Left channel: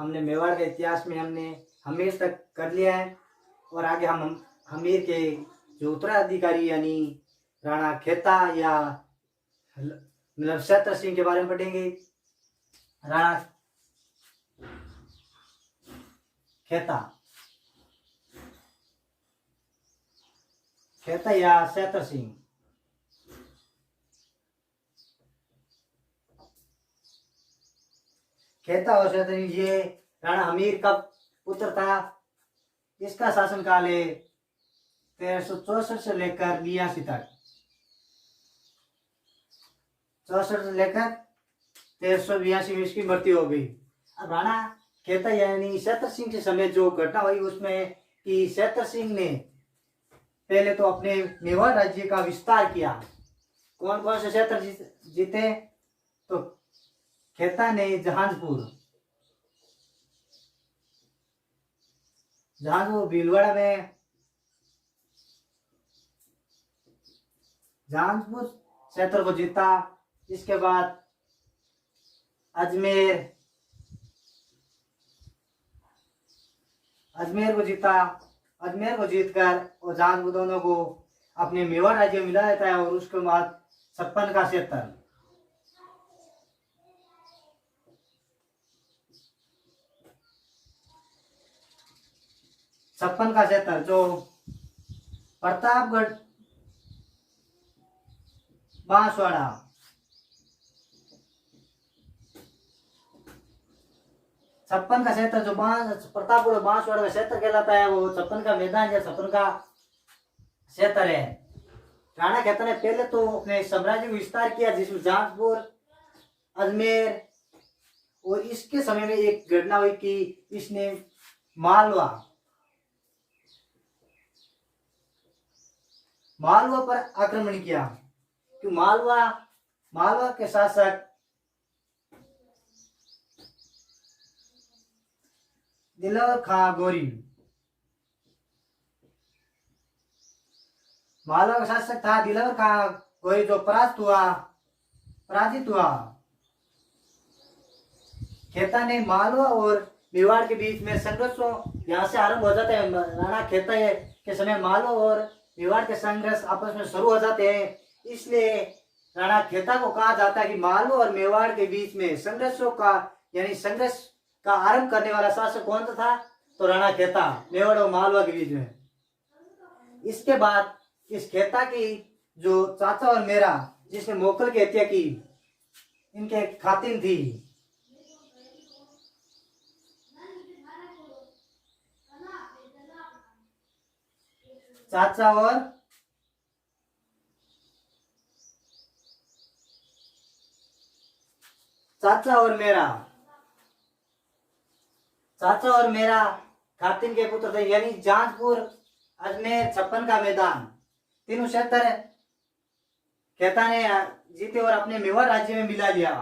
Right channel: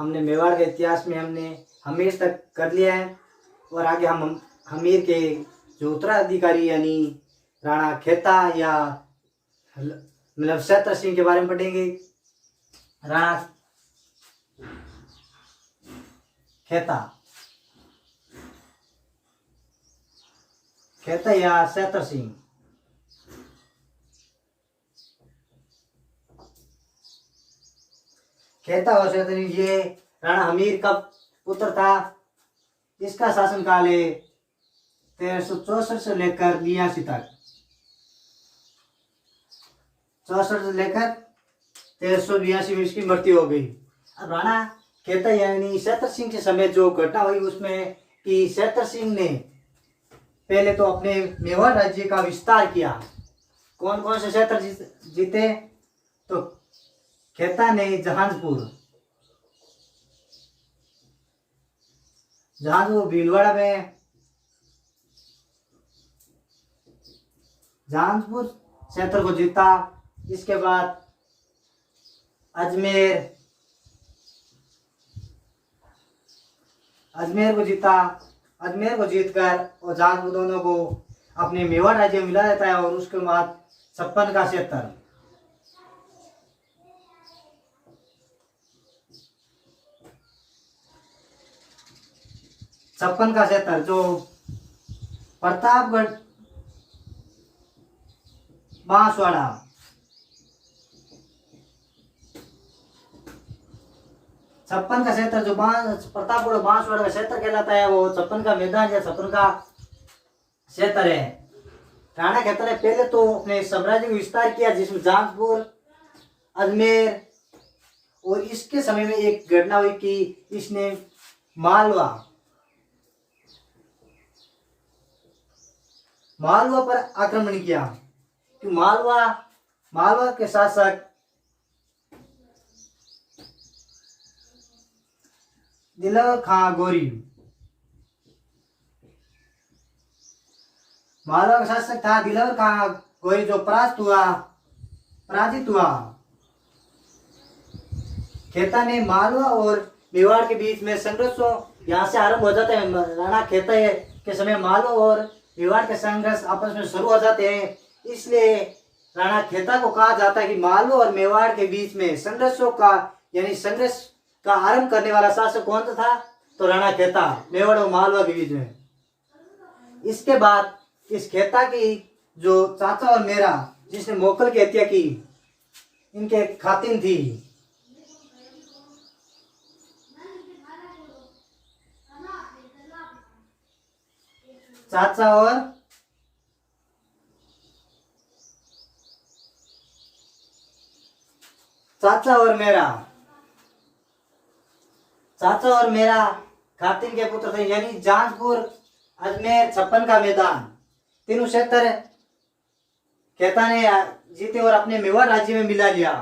हमने मेवाड़ के इतिहास में हमने हमीर तक कर लिया है और आगे हम हमीर के जो उत्तराधिकारी यानी राणा खेता या मतलब सैत्र सिंह के बारे में पढ़ेंगे। राणा खेता खेता या सैत्र सिंह। खेता और सैत्र सिंह ये राणा हमीर का पुत्र था। इसका शासनकाल है 1364 से लेकर 82 तक। 64 से लेकर 1382 में इसकी मृत्यु हो गई। अब राणा खेता यानी सैत्र सिंह के समय जो घटना हुई उसमें कि सैत्र सिंह ने पहले तो अपने मेवाड़ राज्य का विस्तार किया। कौन कौन से क्षेत्र जीते? तो खेता ने जहांजपुर भीलवाड़ा में जहांजपुर क्षेत्र को जीता। इसके बाद अजमेर को जीता। अजमेर को जीतकर और जहांजपुर दोनों को अपने मेवाड़ राज्य में मिला देता है। और उसके बाद 56 का क्षेत्र जो प्रतापगढ़ बांसवाड़ा छप्पन का क्षेत्र जो प्रतापगढ़ बांसवाड़ा का क्षेत्र कहलाता है वो 56 का मैदान या 56 का क्षेत्र है। राणा खेता ने पहले तो अपने साम्राज्य को विस्तार किया जिसमें जहांजपुर अजमेर और इसके समय में एक घटना हुई कि इसने मालवा पर आक्रमण किया। कि मालवा के शासक दिलवर खां गोरी मालवा का शासक था दिलवर खां गोरी जो पराजित हुआ। खेता ने मालवा और मेवाड़ के बीच में संघर्ष यहाँ से आरंभ हो जाता है। राणा खेता के समय मालवा और मेवाड़ के संघर्ष आपस में शुरू हो जाते हैं। इसलिए राणा खेता को कहा जाता है कि मालवा और मेवाड़ के बीच में संघर्ष का आरंभ करने वाला शासक कौन था? तो राणा खेता मेवाड़ और मालवा के बीच में। इसके बाद इस खेता की जो चाचा और मेरा जिसने मोकल की हत्या की इनके खातिन थी। चाचा और मेरा खातिन के पुत्र थे यानी जहांजपुर अजमेर 56 का मैदान तीनों क्षेत्र खेता ने जीते और अपने मेवाड़ राज्य में मिला लिया।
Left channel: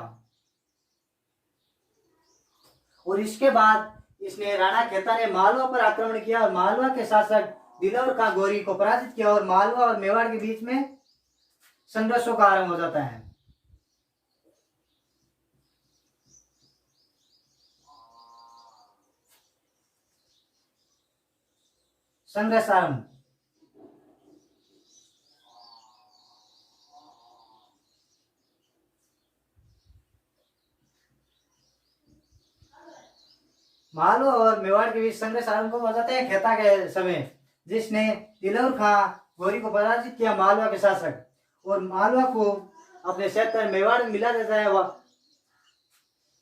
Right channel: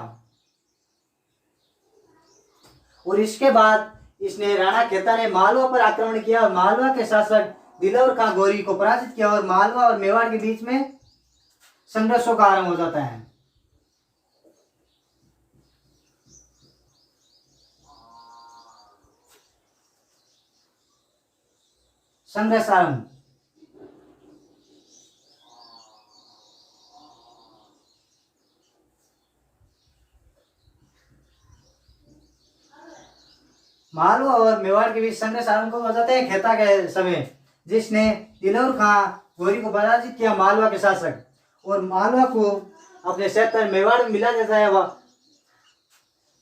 और इसके बाद इसने राणा खेता ने मालवा पर आक्रमण किया और मालवा के शासक दिलवर खां गोरी को पराजित किया और मालवा और मेवाड़ के बीच में संघर्षों का आरंभ हो जाता है। संघर्ष आरंभ मालवा और मेवाड़ के बीच संघर्ष आरंभ हो जाते हैं खेता के समय जिसने दिलवर खां गोरी को पराजित किया मालवा के शासक और मालवा को अपने क्षेत्र मेवाड़ में मिला देता है वह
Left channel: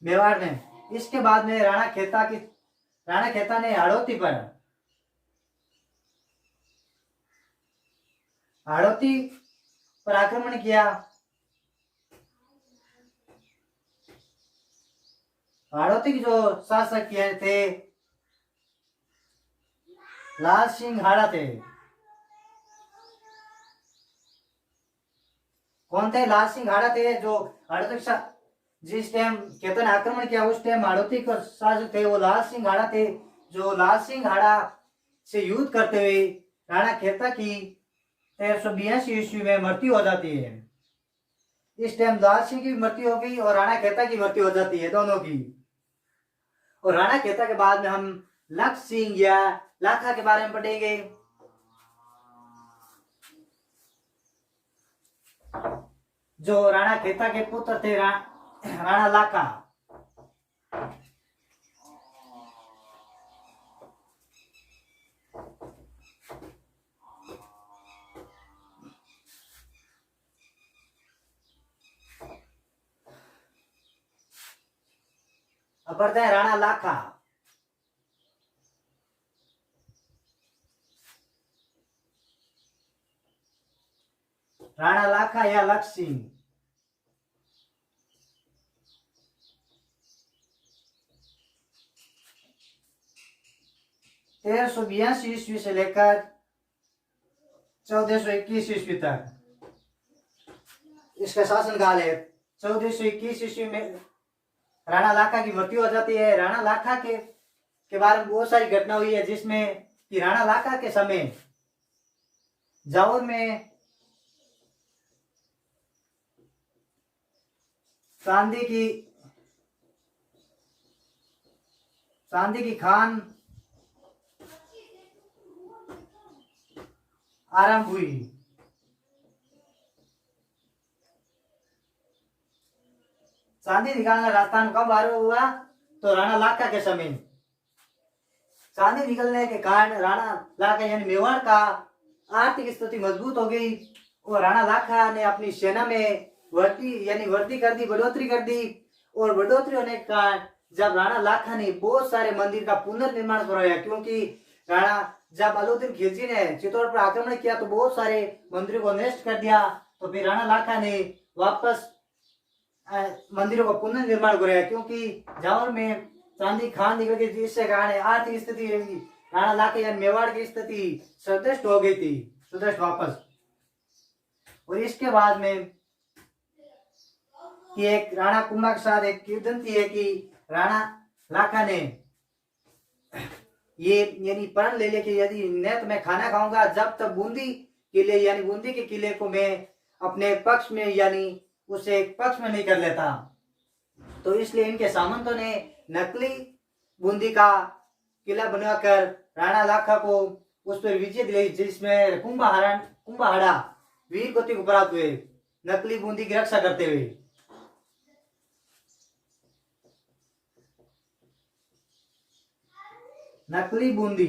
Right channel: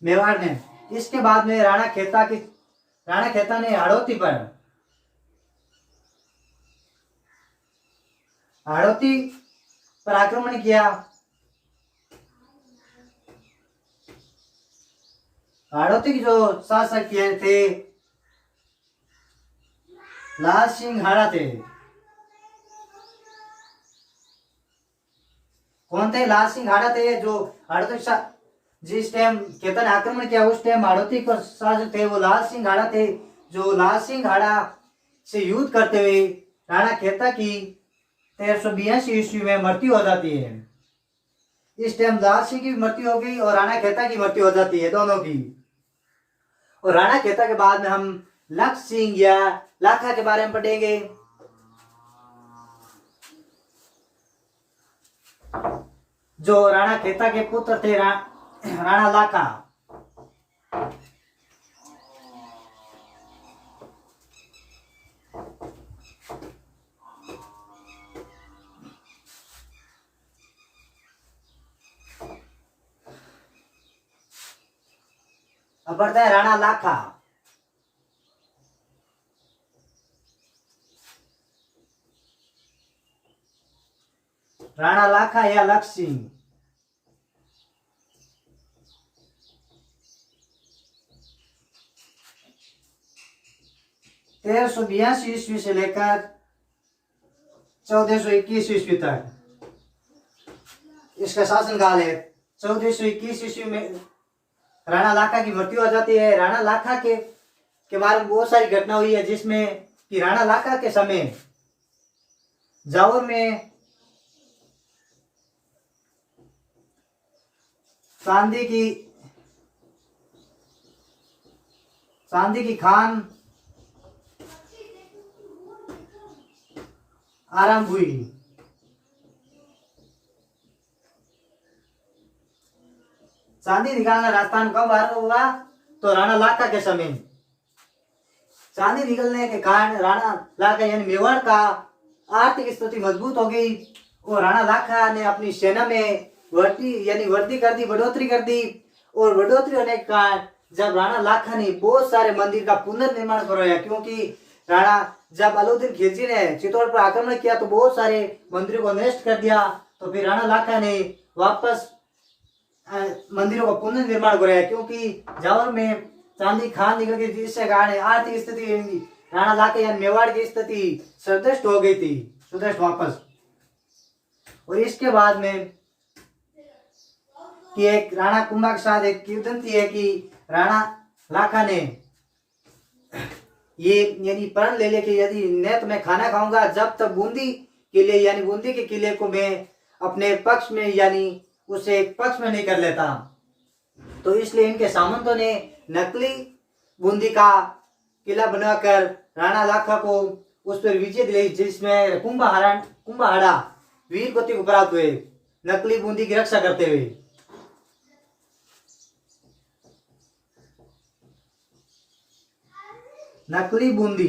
मेवाड़ ने। इसके बाद में राणा खेता ने हाड़ौती पर आक्रमण किया। हाड़ौती के जो शासक थे लाल सिंह हाड़ा थे। कौन थे? लाल सिंह हाड़ा थे जो हाड़ौती जिस टाइम खेता ने आक्रमण किया उस टाइम हाड़ौती पर शासक थे वो लाल सिंह हाड़ा थे। जो लाल सिंह हाड़ा से युद्ध करते हुए राणा खेता की 1382 ईस्वी में मृत्यु हो जाती है। इस टाइम लाल सिंह की मृत्यु हो गई और राणा खेता की मृत्यु हो जाती है दोनों की। और राणा खेता के बाद में हम लक्ष्य सिंह या लाखा के बारे में पढ़ेंगे। जो राणा खेता के पुत्र थे राणा लाखा। अब बढ़ते हैं राणा लाखा। राणा लाखा या लक्ष्य सिंह। 1382 ईस्वी से लेकर 1421 ईस्वी तक इसका शासनकाल है। 1421 ईस्वी में राणा लाखा की मृत्यु हो जाती है। राणा लाखा के बारे में बहुत सारी घटना हुई है, जिसमें कि राणा लाखा के समय जावर में चांदी की खान आरंभ हुई। चांदी निकालना राजस्थान कब आरंभ हुआ? तो राणा लाखा के समय। चांदी निकलने के कारण राणा लाखा यानी मेवाड़ का आर्थिक स्थिति मजबूत हो गई और राणा लाखा ने अपनी सेना में वृद्धि कर दी, बढ़ोतरी कर दी। और बढ़ोतरी होने के कारण जब राणा लाखा ने बहुत सारे मंदिर का पुनर्निर्माण करवाया, क्योंकि राणा जब अलाउद्दीन खिलजी ने चित्तौड़ पर आक्रमण किया तो बहुत सारे मंदिरों को नष्ट कर दिया। तो फिर राणा लाखा ने वापस मंदिरों का पुनर्निर्माण कराया, क्योंकि जावर में चांदी खान निकल गई, जिससे कारण आर्थिक स्थिति राणा लाखा यानी मेवाड़ की स्थिति सुदृढ़ हो गई थी, सुदृढ़ वापस। और इसके बाद में कि एक राणा कुंभा के साथ एक किंवदंती है कि राणा लाखा ने ये यानी प्रण ले लिया कि यदि न तो मैं खाना खाऊंगा जब तक बूंदी किले यानी बूंदी के किले को मैं अपने पक्ष में यानी उसे एक पक्ष में नहीं कर लेता। तो इसलिए इनके सामंतों ने नकली बूंदी का किला बनाकर राणा लाखा को उस पर विजय दिलाई, जिसमें कुंभहाड़ा वीर गति को प्राप्त हुए नकली बूंदी की रक्षा करते हुए। नकली बूंदी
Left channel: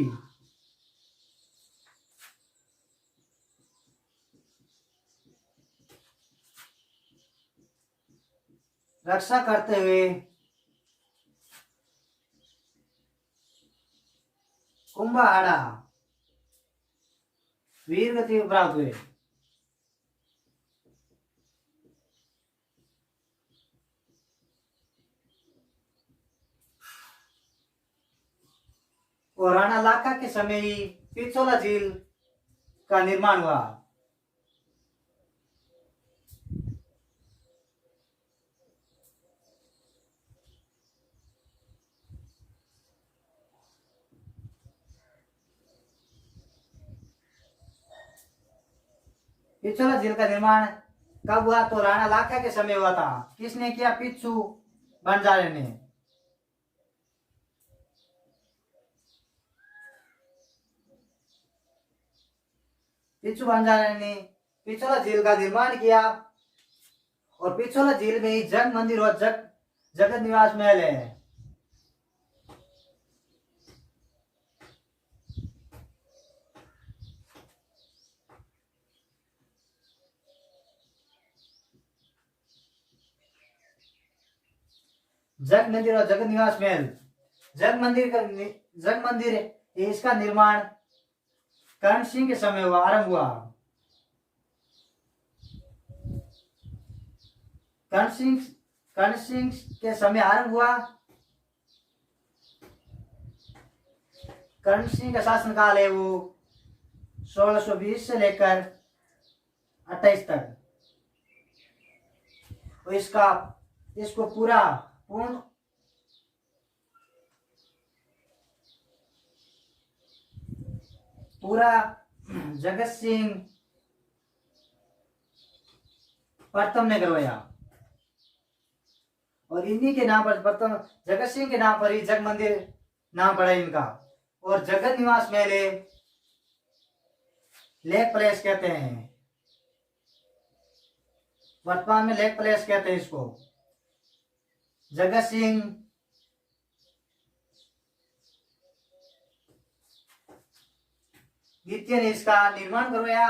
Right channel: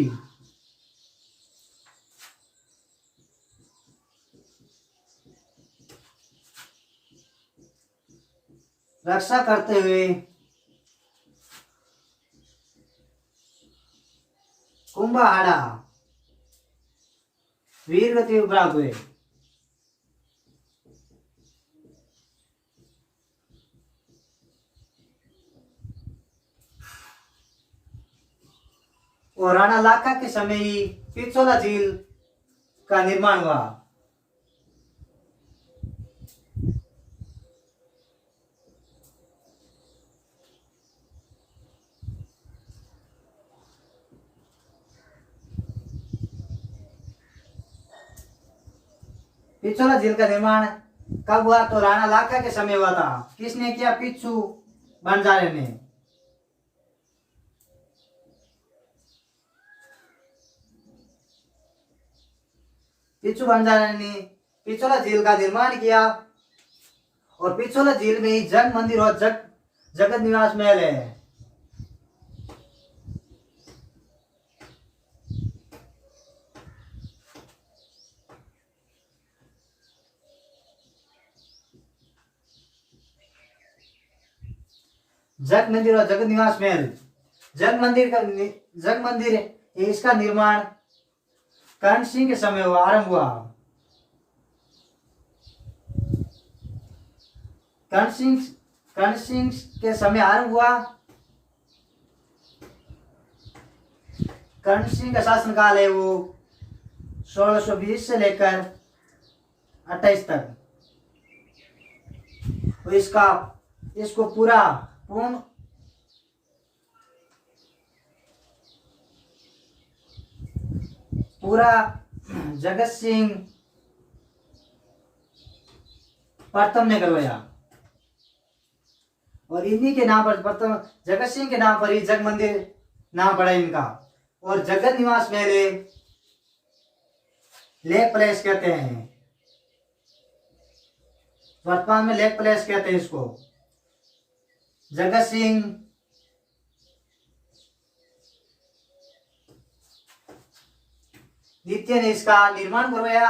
रक्षा करते हुए कुंभहाड़ा वीर गति प्राप्त हुए। और राणा लाखा के समय ही पिछोला झील का निर्माण हुआ। पिछोला झील का निर्माण कब हुआ? तो राणा लाखा के समय हुआ था। किसने किया? पिच्छू बंजारे ने। पिच्छू बंजारे ने पिछोला झील का निर्माण किया। और पिछोला झील में ही जग मंदिर और जगत निवास महल है। जग मंदिर और जगत निवास महल। जग मंदिर इसका निर्माण कर्ण सिंह के समय हुआ, आरंभ हुआ। कर्ण सिंह के समय आरंभ हुआ। कर्ण सिंह का शासनकाल है वो 1620 से लेकर 28 तक। तो इसको पूर्ण जगत सिंह प्रथम ने करवाया। और इन्हीं के नाम पर प्रथम जगत सिंह के नाम पर ही जग मंदिर नाम पड़ा इनका। और जगत निवास मेले लेक प्लेस कहते हैं, वर्तमान में लेक प्लेस कहते हैं इसको। जगत सिंह द्वितीय ने इसका निर्माण करवाया।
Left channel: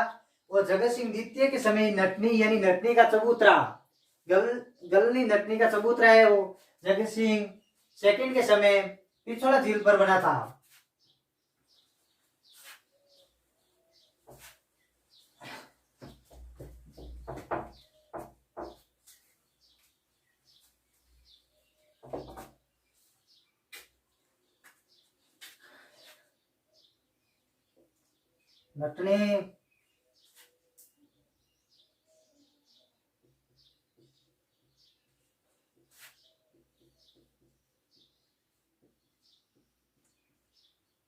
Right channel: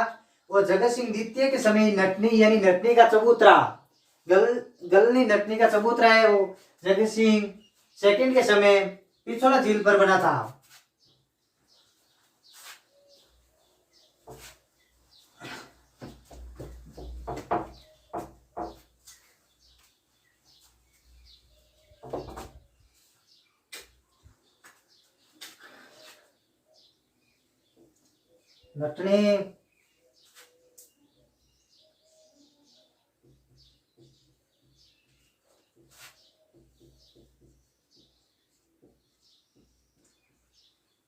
और जगत सिंह द्वितीय के समय नटनी यानी नटनी का चबूतरा, गलनी नटनी का चबूतरा है, वो जगत सिंह सेकंड के समय पिछोला झील पर बना था। नटनी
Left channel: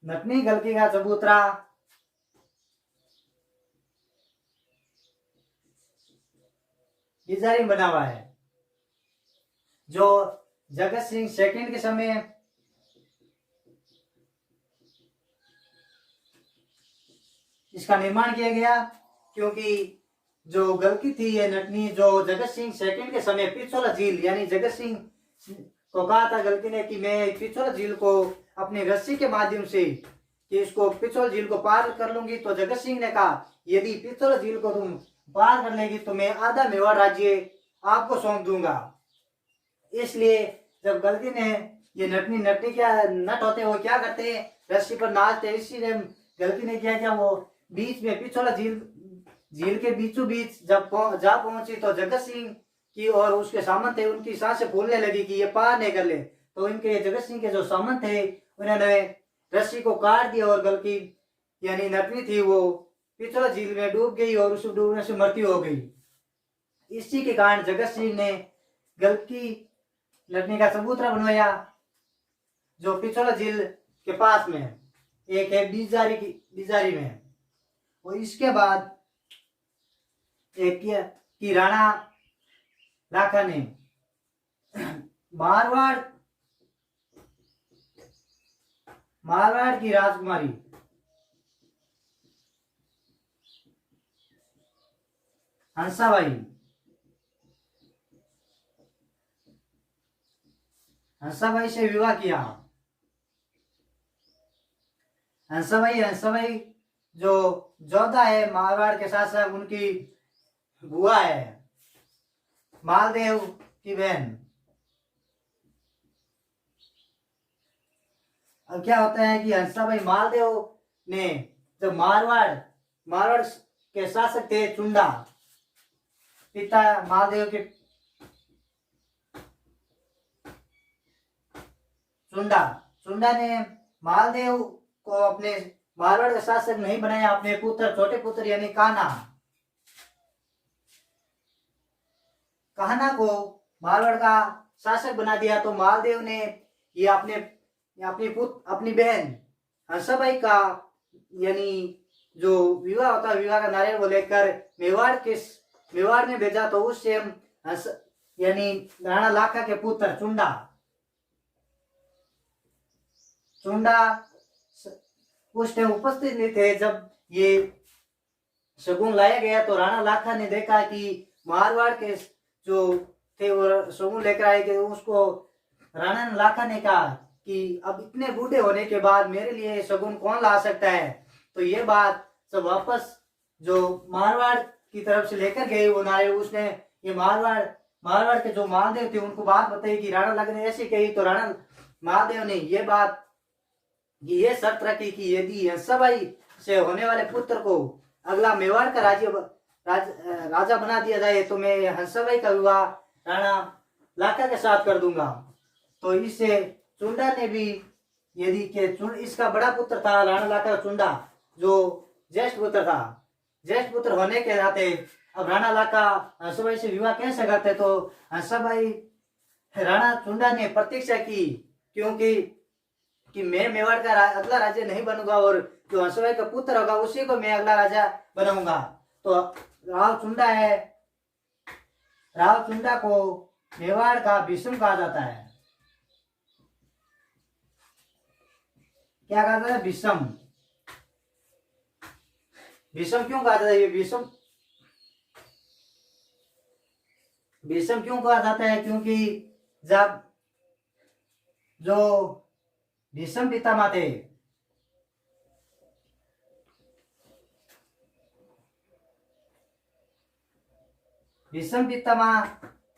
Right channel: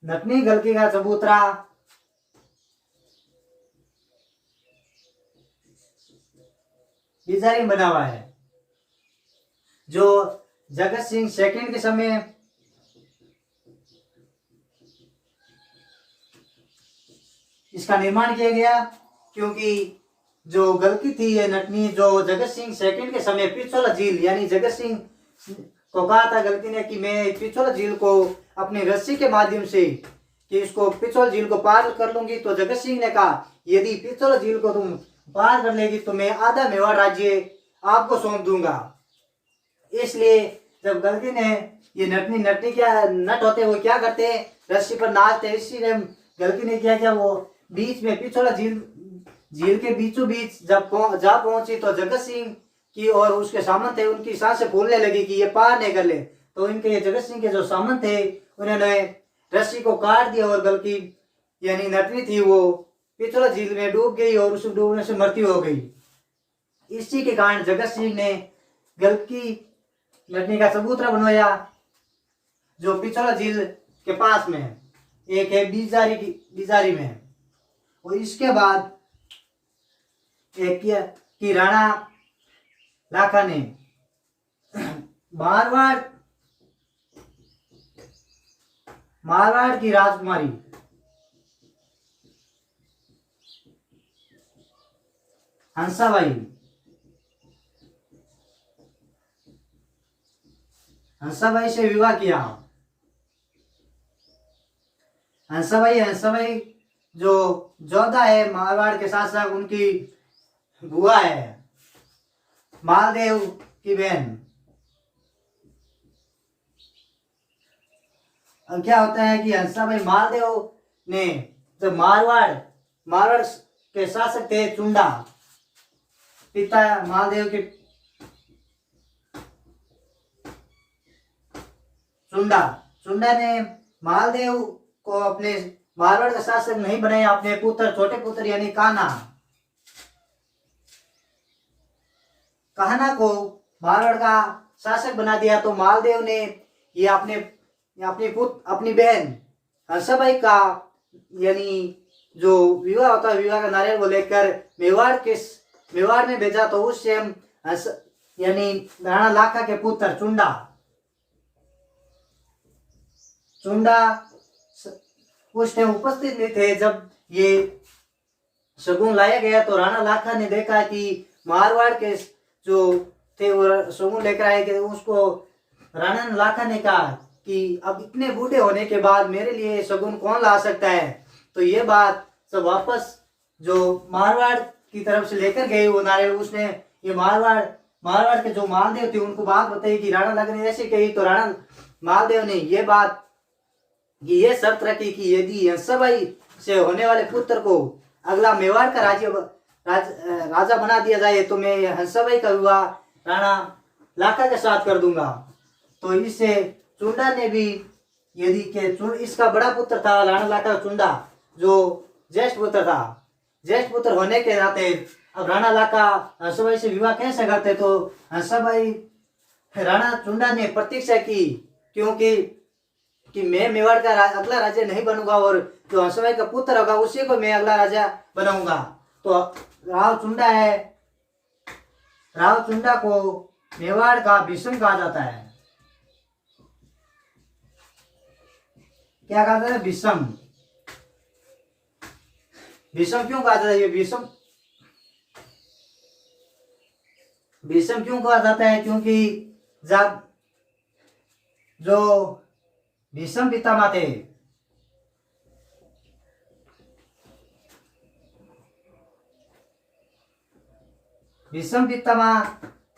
नटनी गलकी का चबूतरा डिजाइन बना हुआ है, जो जगत सिंह सेकंड के समय इसका निर्माण किया गया। क्योंकि जो गलकी थी ये नटनी, जो जगत सिंह सेकंड के समय पिछोला झील यानी जगत सिंह को कहा था गलती ने कि मैं पिछोला झील को अपनी रस्सी के माध्यम से कि इसको पिछोला झील को पार कर लूंगी। तो जगत सिंह ने कहा यदि पिछोला झील को तुम पार कर लेगी तो मैं आधा मेवाड़ राज्य आपको सौंप दूंगा। इसलिए जब गलती ने ये नटनी क्या नट होते वो क्या करते हैं, रस्सी पर नाचते। इसीलिए गलती ने क्या किया, वो बीच में पिछोला झील के बीचों बीच जब जा पहुंची तो जगत सिंह की और उसके सामंत थे उनकी सांसें फूलने लगी कि ये पार नहीं कर ले। तो इनके जगत सिंह के जो सामंत थे उन्होंने रस्सी को काट दिया और गलकी यानी नटनी थी वो पिछोला झील में डूब गई और उस डूबने से मृत्यु हो गई। इसी के कारण जगत सिंह ने गलकी नटनी का चबूतरा बनवाया, जो पिछोला झील के पास में एक है बिजारी में। और इसके बाद एक की राणा लाखा ने मारवाड़ की राजकुमारी हंसाबाई से विवाह किया। हंसाबाई जो जोधा है मारवाड़ के शासक उनकी बुआ है, मालदेव की बहन। अब क्या होता है कि हंसाबाई मालदेव ने जब मारवाड़ के शासक थे चुंडा, पिता मालदेव के चुंडा ने मालदेव को अपने मारवाड़ का शासक नहीं बनाया, अपने पुत्र छोटे पुत्र यानी कान्हा को मारवाड़ का शासक बना दिया। तो मालदेव ने ये अपनी बहन हंसाबाई का यानी जो विवाह होता है विवाह का नारियल वो लेकर मेवाड़ में भेजा। तो उससे हम यानी राणा लाखा के पुत्र चुंडा उस टाइम उपस्थित नहीं थे जब ये शगुन लाया गया। तो राणा लाखा ने देखा कि मारवाड़ के जो थे वो शगुन लेकर आए कि उसको राणा लाखा ने कहा कि अब इतने बूढ़े होने के बाद मेरे लिए शगुन कौन ला सकता है। तो ये बात सब वापस जो मारवाड़ की तरफ से लेकर गए वो नारियल, उसने ये मारवाड़ के जो मालदेव थे उनको बात बताई कि राणा लाखा ने ऐसे कही। तो राणा मालदेव ने ये शर्त रखी कि यदि हंसाबाई से होने वाले पुत्र को अगला मेवाड़ का राजा बना दिया जाए तो मैं हंसाबाई का विवाह राणा लाखा के साथ कर दूंगा। तो इससे चुंडा ने भी यदि के इसका बड़ा पुत्र था राणा लाखा चुंडा जो ज्येष्ठ पुत्र होने के नाते अब राणा लाखा हंसाबाई से विवाह कैसे करते। तो हंसाबाई राणा चुंडा ने प्रतीक्षा की क्योंकि मैं मेवाड़ का अगला राजा नहीं बनूंगा और जो हंसभाई का पुत्र होगा उसी को मैं अगला राजा बनाऊंगा। तो राव चुंडा को मेवाड़ का भीष्म कहा जाता है। क्या कहा जाता है? भीष्म। भीष्म क्यों कहा जाता है? ये भीष्म भीष्म क्यों कहा जाता है? क्योंकि जब जो भीष्म पितामह थे, भीष्म पितामह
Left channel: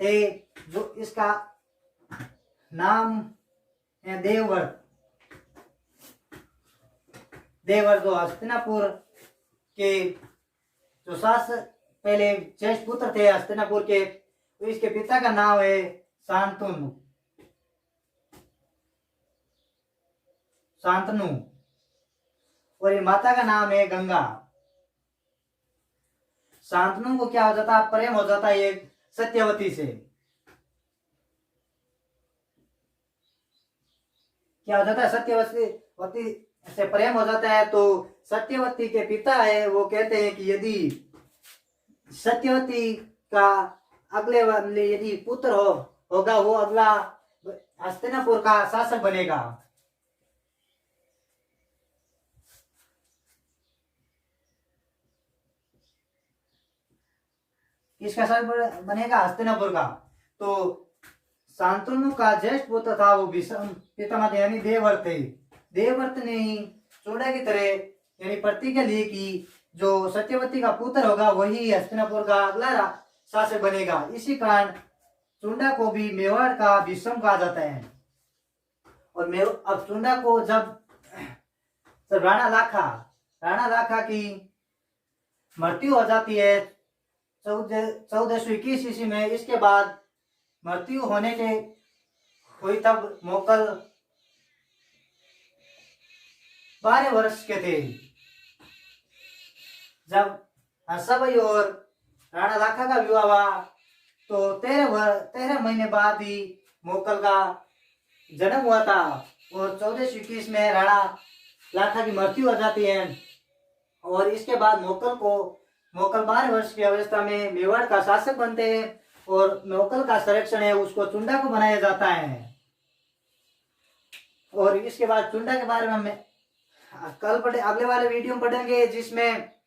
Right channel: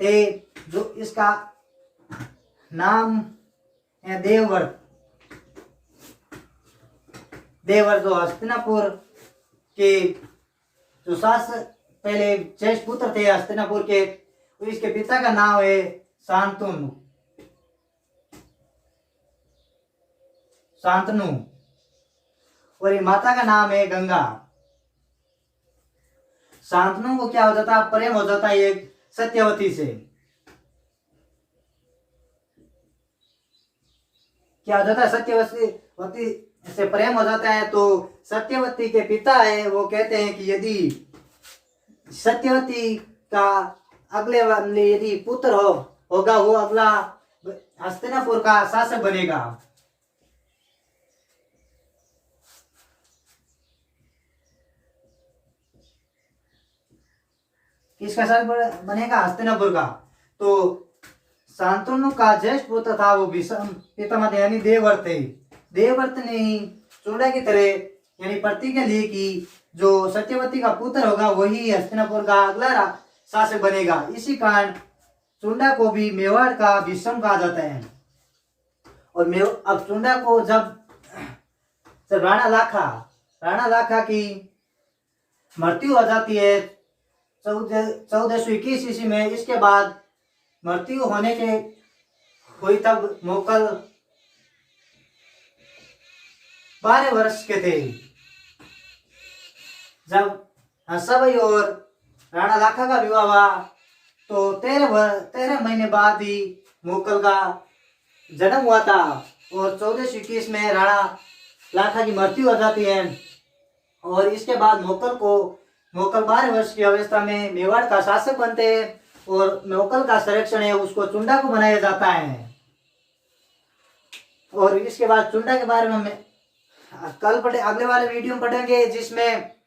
थे, जो इसका नाम है देवव्रत। देवव्रत जो हस्तिनापुर के जो शासक पहले ज्येष्ठ पुत्र थे हस्तिनापुर के, इसके पिता का नाम है शांतनु। शांतनु। और ये माता का नाम है गंगा। शांतनु को क्या हो जाता है? प्रेम हो जाता है एक सत्यवती से। क्या हो जाता है? सत्यवती से प्रेम हो जाता है। तो सत्यवती के पिता है, वो कहते हैं कि यदि सत्यवती का अगले वाले यदि पुत्र होगा, वो अगला हस्तिनापुर का शासक बनेगा। किसका शासक बनेगा? हस्तिनापुर का। तो शांतनु का ज्येष्ठ पुत्र था वो भीष्म पितामह यानी देवव्रत थे। देवव्रत ने चूड़ा की तरह यानी प्रतिज्ञा ली कि जो सत्यवती का पुत्र होगा वही हस्तिनापुर का अगला शासक बनेगा। इसी कारण चुंडा को भी मेवाड़ का भीष्म कहा जाता है। और अब चुंडा को जब राणा लाखा की मृत्यु हो जाती है 1421 ईस्वी में, इसके बाद मृत्यु होने के हुई तब मोकल 12 वर्ष के थे। जब हंसाबाई और राणा लाखा का विवाह हुआ तो 13 महीने बाद ही मोकल का जन्म हुआ था। और 1421 में राणा लाखा की मृत्यु हो जाती है। और इसके बाद मोकल 12 वर्ष की अवस्था में मेवाड़ का शासक बनते हैं। और मोकल का संरक्षण है उसको चुंडा को बनाया जाता है। और इसके बाद चुंडा के बारे में कल अगले वाले वीडियो में पढ़ेंगे, जिसमें